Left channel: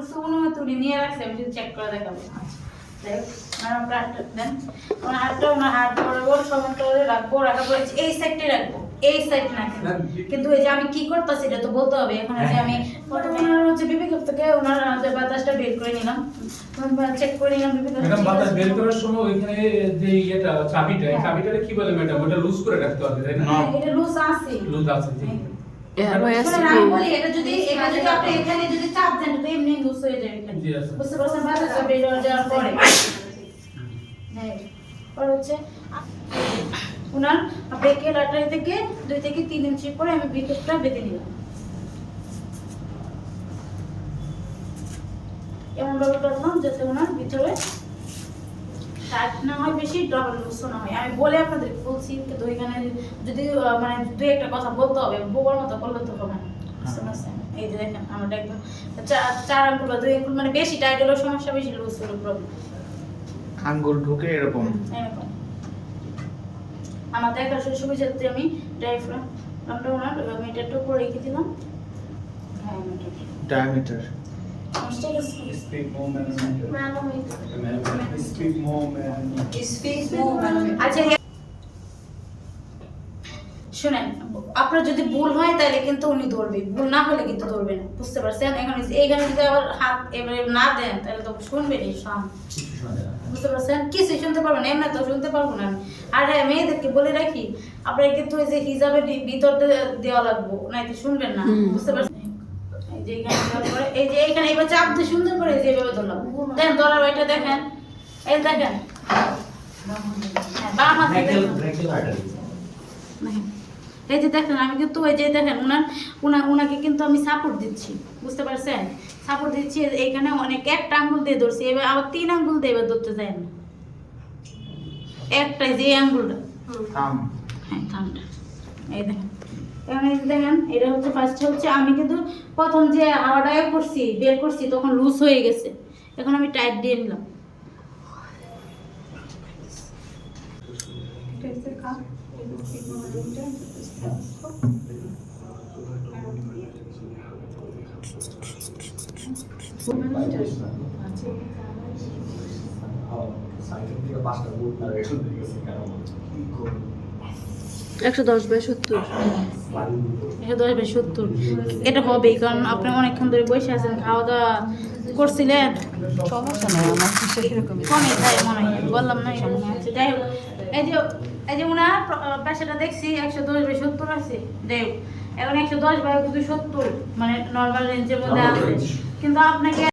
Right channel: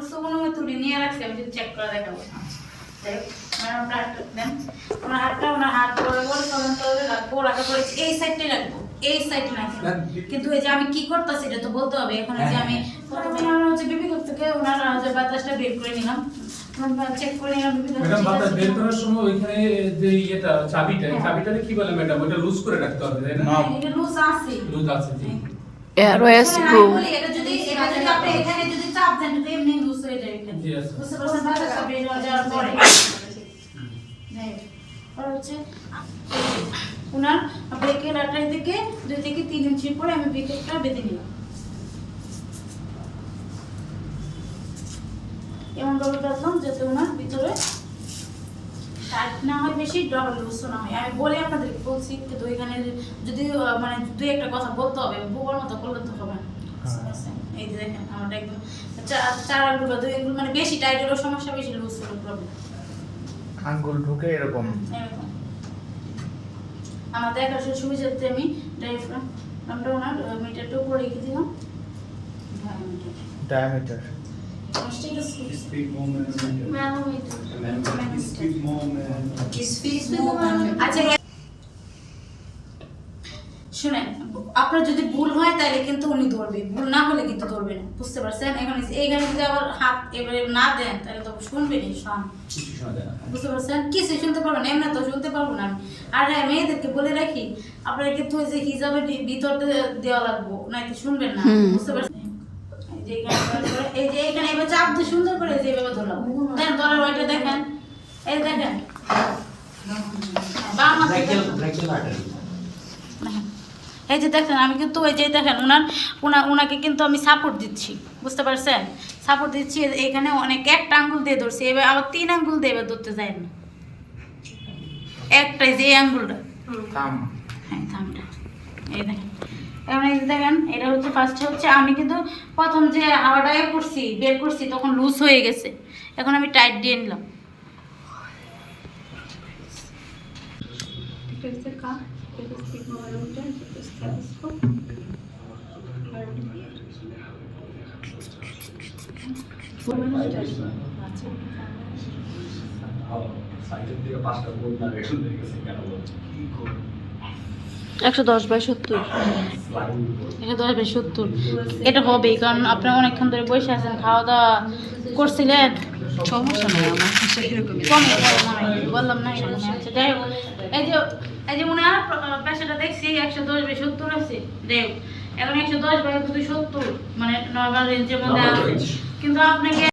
করছে অনুমতি নিয়ে রাখছে, আমি যদি চেক করে দেখাবো। ওনার হাত করে ওর কমেন্ট করে রাখবো, রাখার পরে এই সাইডটাই রাখবো, এই সাইড না কিন্তু এই যে আমি কি করতেছি এটা তো বলতে হবে। এখন যে আমি প্রথমে হচ্ছে বিবি কপ থেকে ওনার যে বাতাসটা বের করে নিলাম, চেক করে নিলাম বিবি কপ ম্যাডাম বাতাস বের করার সময় ওইখানে যে এটা চাবিটা কি বলে ম্যাডাম, ওটা লুজ করে রাখতে হবে তাই না? এটা লুজ আছে, লুজ আছে জি। এটা যদি আপনি এখানে যদি চাপ দেন তো এমনি লুজ হয়ে যাবে। জি আছে। বুঝতে পারছেন? বাতাসটা বের হয়ে যাওয়ার পরে হচ্ছে ওনার ব্রেকের আটাই থেকে 2 থেকে 3 ইঞ্চি পরে আমি ভিতরটা বেঁধে নিলাম। এমন ভাবে বাঁধলাম যাতে ওনার ভিতরে টাইট না হয়, বেশি ডাবল লুজ না হয়। আমি বলে আপনাদেরকে বলছি, কিন্তু ওইখানে যদি মানে 2-1টা কথা বলতে হবে, বোবার মতো করলে তো হবে না। এই যে দেখেন আমরা একদম 4 আঙ্গুল বা 2 আঙ্গুল, মানে বেশি টাইট হলেও সমস্যা, বেশি লুজ হলেও প্রবলেম। আঙ্গুল ঢুকে এরকম এরকম আমার দেখার সুবিধার্থে আমি ডায়াফ্রামটা ওনার মিটারটা উপরে রেখে দিলাম। Diameter Speak more man. Speak more man. আচ্ছা শুনেন, আপনার যদি ভুল হয় তাহলে কিন্তু উনি ধরবে, ভুল না হলে কিন্তু ধরবে না। বুঝতে পারছেন? এখন এইখানে যদি আবার হাত এবারে না দেন তাহলে তো শুনবেন এই সব কিছু শোনা যায় না। বুঝতে পারছেন? কিছু শুনতে পারবেন, এমনি তো শুনতে পারবো না আমি। আর হ্যাঁ, মেয়েদেরকে বলে রাখি, আপনারা কিন্তু ওই যে হিজাবের ভিতর দেওয়া লাগবো, নাইতো শুনবেন না। বুঝতে পারছেন? এই যে এখানে দেওয়ার পরে এই যে এখানে এবার চাপ দিয়ে সুন্দর করে এই যে এভাবে ধরলাম। দেখেন ধরার ওইটা দেখেন, এই দেখেন বাম হাতে দেখেন। এই যে দেখেন আমি কিন্তু ওই যে দেখেন ওনাকে কিন্তু আমি সাপোর্ট দিচ্ছি। বুঝতে পারছেন? সাপোর্ট দিচ্ছি, এইখানে অনেক একটা আঙ্গুল দিয়ে ধরছি, এবার আবার 3 আঙ্গুল দিয়ে এবার ধরতে যায় না, একটাই যে আঙ্গুলটা, হ্যাঁ থামটা। এই দেখেন এখন এই যে দেখেন, এটা হচ্ছে ফার্স্টে হচ্ছে আমি কিন্তু প্রথম যে হাওয়াটা বের করছি তখন লুজ হয়ে গেছে, এখন আমি টাইট দিয়ে নিলাম। একশো 10/70 110/70 এটা হবেই, কারণ আপনি অনেকক্ষণ ধরে বসে আছেন, খাওয়া দাওয়া করছিলেন, কমে তাই মনে হয়, বললাম না এটা মনে আছে। যাই হোক, এই যে ওনার পেশাটা দেখছি 110/70 আছে। যাই হোক, এখন 110/70 মানে নর্মাল রেঞ্জের মধ্যে, কিন্তু আপনাকে